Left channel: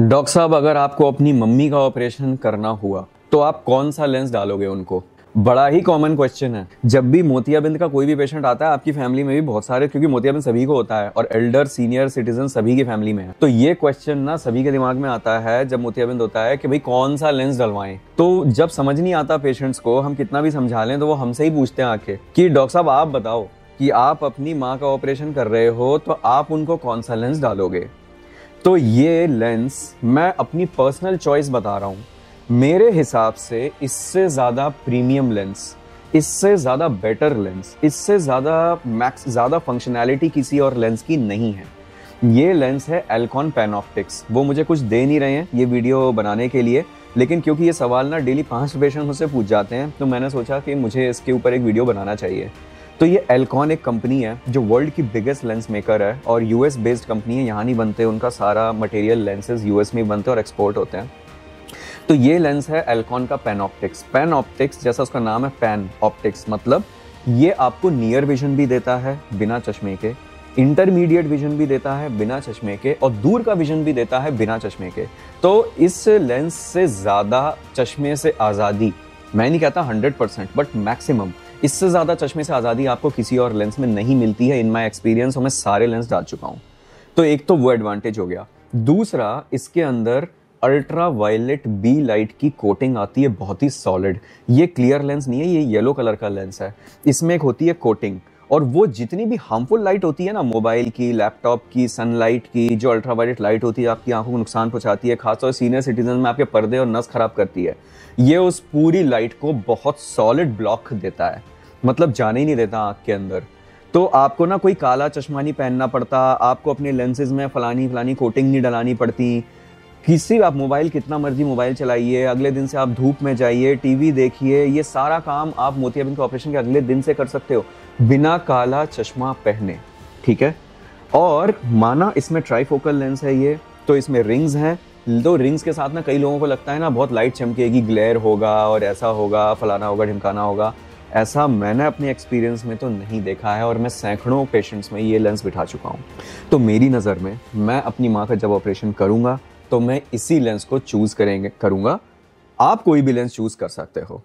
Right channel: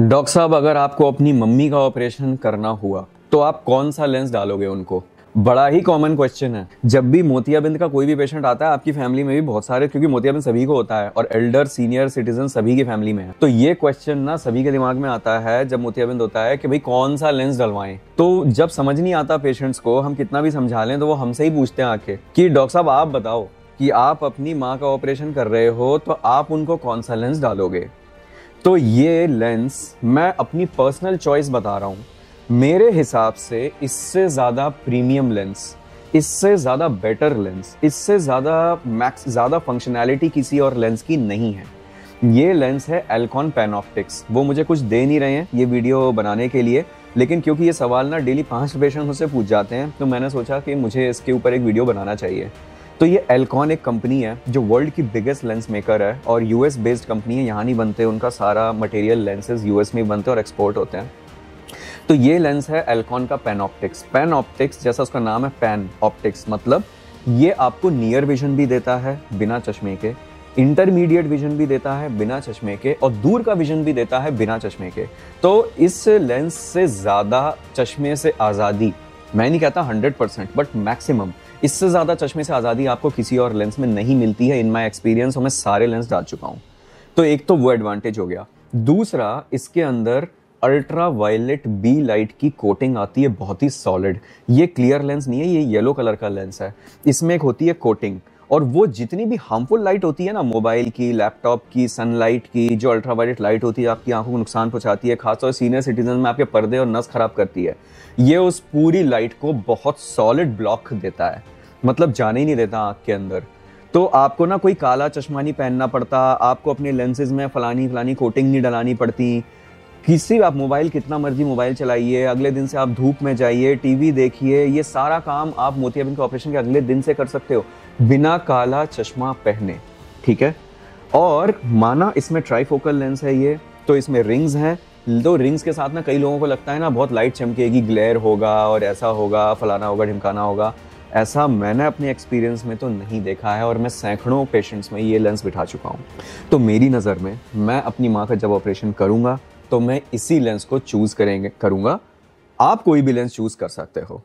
Doctor साहब, अगर आपको अपनी मम्मी का ऑपरेशन करना हुआ तो आप कौन सा लेंस डालोगे उनको? बड़ा ही कॉमन क्वेश्चन है। जब भी मोतियाबिंद का कोई भी पेशेंट आता है, आपकी फैमिली में भी बहुत सारे, क्योंकि मोतियाबिंद सभी को होता है और एल्डर सीनियर सिटीजन सभी की फैमिली में है, तो ये क्वेश्चन ना सभी के दिमाग में आता है जब मोतियाबिंद होता है कि भाई कौन सा लेंस डलवाएं। तो जब समझ नहीं आता पेशेंट्स को, हम कितना भी समझा लें तो वो हमसे ही पूछते हैं आके कि डॉक्टर साहब आप बताओ कि आप अपनी माँ का ऑपरेशन कर रहे हो तो आप उनको कौन सा लेंस डालोगे। तो ये लेंस मैं अपनी पर्सनल चॉइस बता रहा हूं। मेरे हिसाब से इससे ज्यादा प्रीमियम लेंस, इससे ज्यादा बेटर लेंस, इससे ज्यादा फंक्शनैलिटी किसी और लेंस की नहीं है। ये लेंस है एल्कॉन पैनऑप्टिक्स। वो मुझे कुछ दे नहीं रहे हैं ये वीडियो बनाने के लिए, लेकिन क्योंकि ये सवाल ना डेली 5 पेशेंट मुझसे पूछ जाते हैं तो मैंने सोचा कि मुझे इसके ऊपर एक वीडियो बनाना चाहिए। तो ये एल्कॉन एक कंपनी है जो वर्ल्ड की बिगेस्ट लेंस मेकर है और यूएस बेस्ड कंपनी है। यहाँ नहीं बनते, उनका सारा मटेरियल लेंसेज यूएस में बनते हैं और एक्सपोर्ट होते हैं। तो ये लेंस है एल्कॉन का पैनऑप्टिक्स। पैनऑप्टिक्स जैसा उसका नाम है, पैन ऑप्टिक्स, मतलब ये आपको नियर विजन भी देता है बिना चश्मे के, इंटरमीडिएट विजन भी देता है बिना चश्मे के, और दूर का विजन भी देता है बिना चश्मे के। तो इस लेंस से ज्यादा चश्मे से आजादी, मैं नहीं कहता 100%, बट मैक्सिमम, इससे ज्यादा चश्मे से आजादी आपको किसी और लेंस में नहीं मिलती है। इन माय एक्सपीरियंस मैं सारे लेंस डाल चुका हूं। तो एक तो वो एडवांटेज हो गया। दूसरा, इसके अंदर अल्ट्रा वायलेट बी लाइट की कोटिंग आती है, बहुत ही सॉलिड। ये क्लियर लेंस नहीं है, ये येलो कलर का लेंस है। इसमें एक होती है कोटिंग, और वो जितनी भी हार्मफुल लाइट होती है ना, मोबाइल की, लैपटॉप की, सनलाइट की, जो अल्ट्रा वायलेट लाइट होती है आपकी आंखों को नुकसान पहुंचाती है, खासतौर सीनियर सिटीजन में आपके पर्दे और नस खराब करती है, ये उस पूरी लाइट को बहुत सॉलिड ब्लॉक देता है, मतलब जाने ही नहीं देता आंख के अंदर। तो आपको ना कोई काला चश्मा नहीं पहनना पड़ता, आपको अपने लेंसेज में फलानी कोटिंग नहीं डलानी पड़ती। किसी आप मोबाइल कितना मर्जी मोबाइल चलाइए, अगले दिन से आप धूप में जाइए, टीवी देखिए, ये सारा काम आप मोतियाबिंद के ऑपरेशन के अगले दिन से कर सकते हो बिना काला चश्मा पहने, ठीक है। और माना इसमें ट्राइफोकल लेंस है ये, तो इसमें रिंग्स हैं। तो रिंग्स के साथ ना कई लोगों को लगता है ना बहुत लाइट चमकेगी, ग्लेयर होगा और ऐसा होगा, फलाना होगा, ढिमकाना होगा। ऐसा मैंने अपने एक्सपीरियंस में तो नहीं देखा है और मैं सैकड़ों पेशेंट्स में ये लेंस बिठा चुका हूँ। तो मेरी नज़र में मैं अपनी माँ का जब ऑपरेशन करूँगा तो मैं इसी लेंस को चूज़ करूँगा। आप कोई भी लेंस चूज़ कर सकते हो।